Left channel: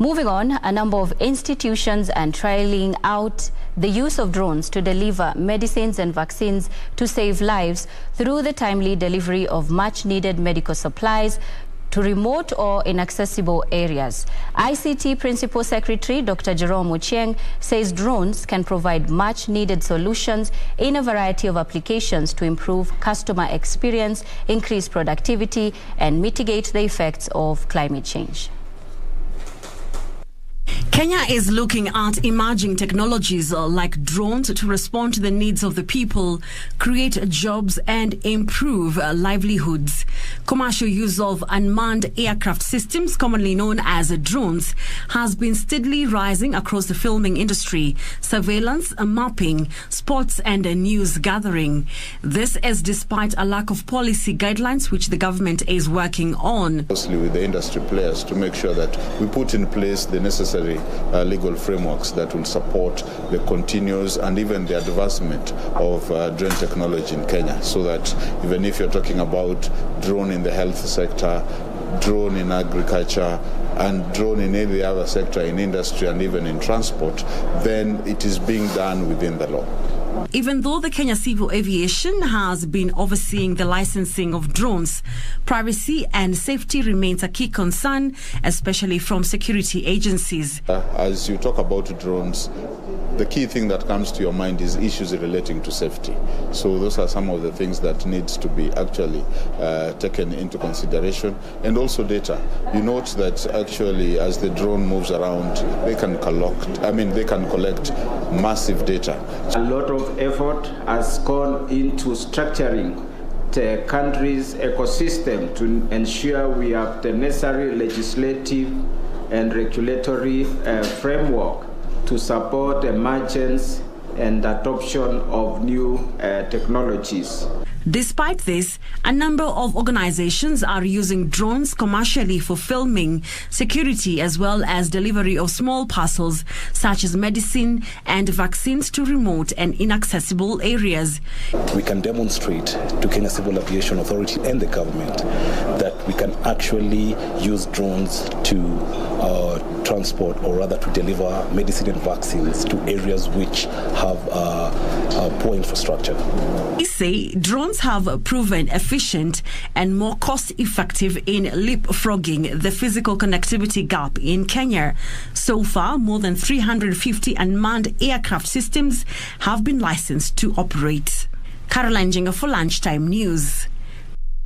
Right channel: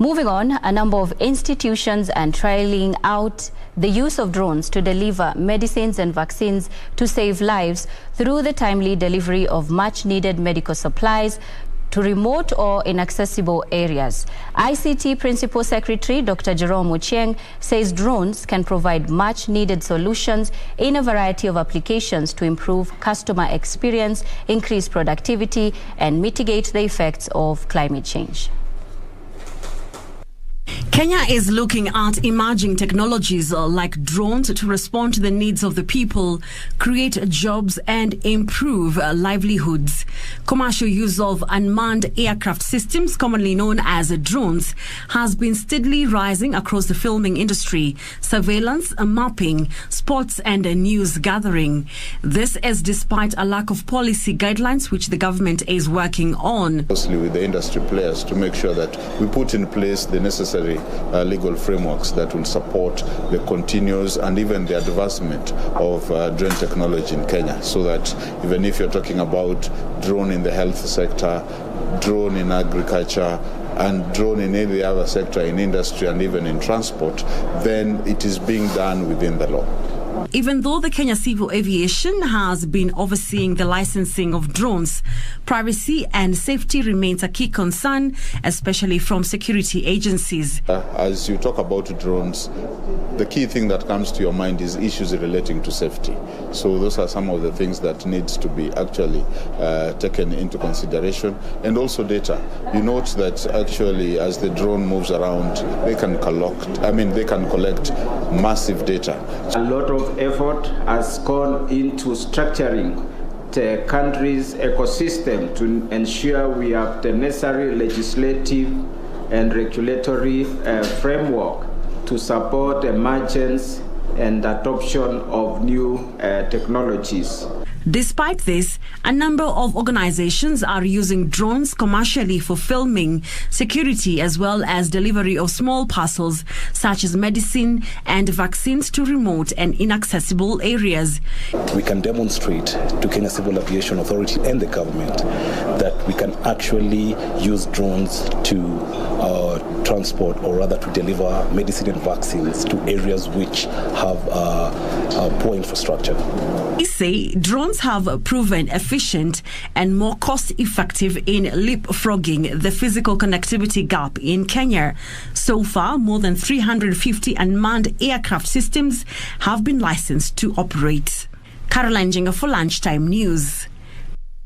Moving on, a number of institutions are trialing out the use of drones to deliver medicines and vaccines to save lives through the timely delivery of much-needed medical supplies to remote or inaccessible areas. ICT Principal Secretary Dr. Jerome Ochieng says drones can provide much-needed solutions in a variety of applications to improve customer experience, increase productivity, and mitigate the effects of climate change. Kenya is looking at emerging technologies like drones to respond to the needs of the people, create jobs and improve livelihoods. Commercial use of unmanned aircraft systems, commonly known as drones, has been steadily rising across the filming industry, surveillance, mapping, sports and news gathering. This is despite a lack of policy guidelines which the government is working on. Closely with the industry players to make sure that we put in place the necessary legal frameworks that will support the continuous and even the advancement of drone technology in Kenya, so that even if you're talking about drone in the health sector, drone in agriculture, and drone in any other sector, in industry and even in transport, then it is being done within the law. Even though the Kenya Civil Aviation has been overseeing the licensing of drones, privacy and safety remains a key concern, especially from security agencies. As you talk about drones, the key thing that comes to your mind is issues relating to safety. So those are some of the things that needs to be actually taken into consideration. And also data. You note that actually as the drone moves around, they can collect massive data. A lot of effort has gone into structuring the country's ecosystem to ensure we have the necessary legislative and regulatory framework to support emergence and adoption of new technologies. Despite this, a number of organizations are using drones commercially for filming, security, as well as delivery of small parcels such as medicine and vaccines to remote and inaccessible areas. We can demonstrate to Kenya Civil Aviation Authority and the government that we can actually use drones to transport, or rather to deliver medicine and vaccines to areas which have poor infrastructure. They say drones have proven efficient and more cost-effective in leapfrogging the physical connectivity gap in Kenya. So far, more than 350 unmanned aircraft systems have been licensed to operate. Caroline Jenga for Lunchtime News.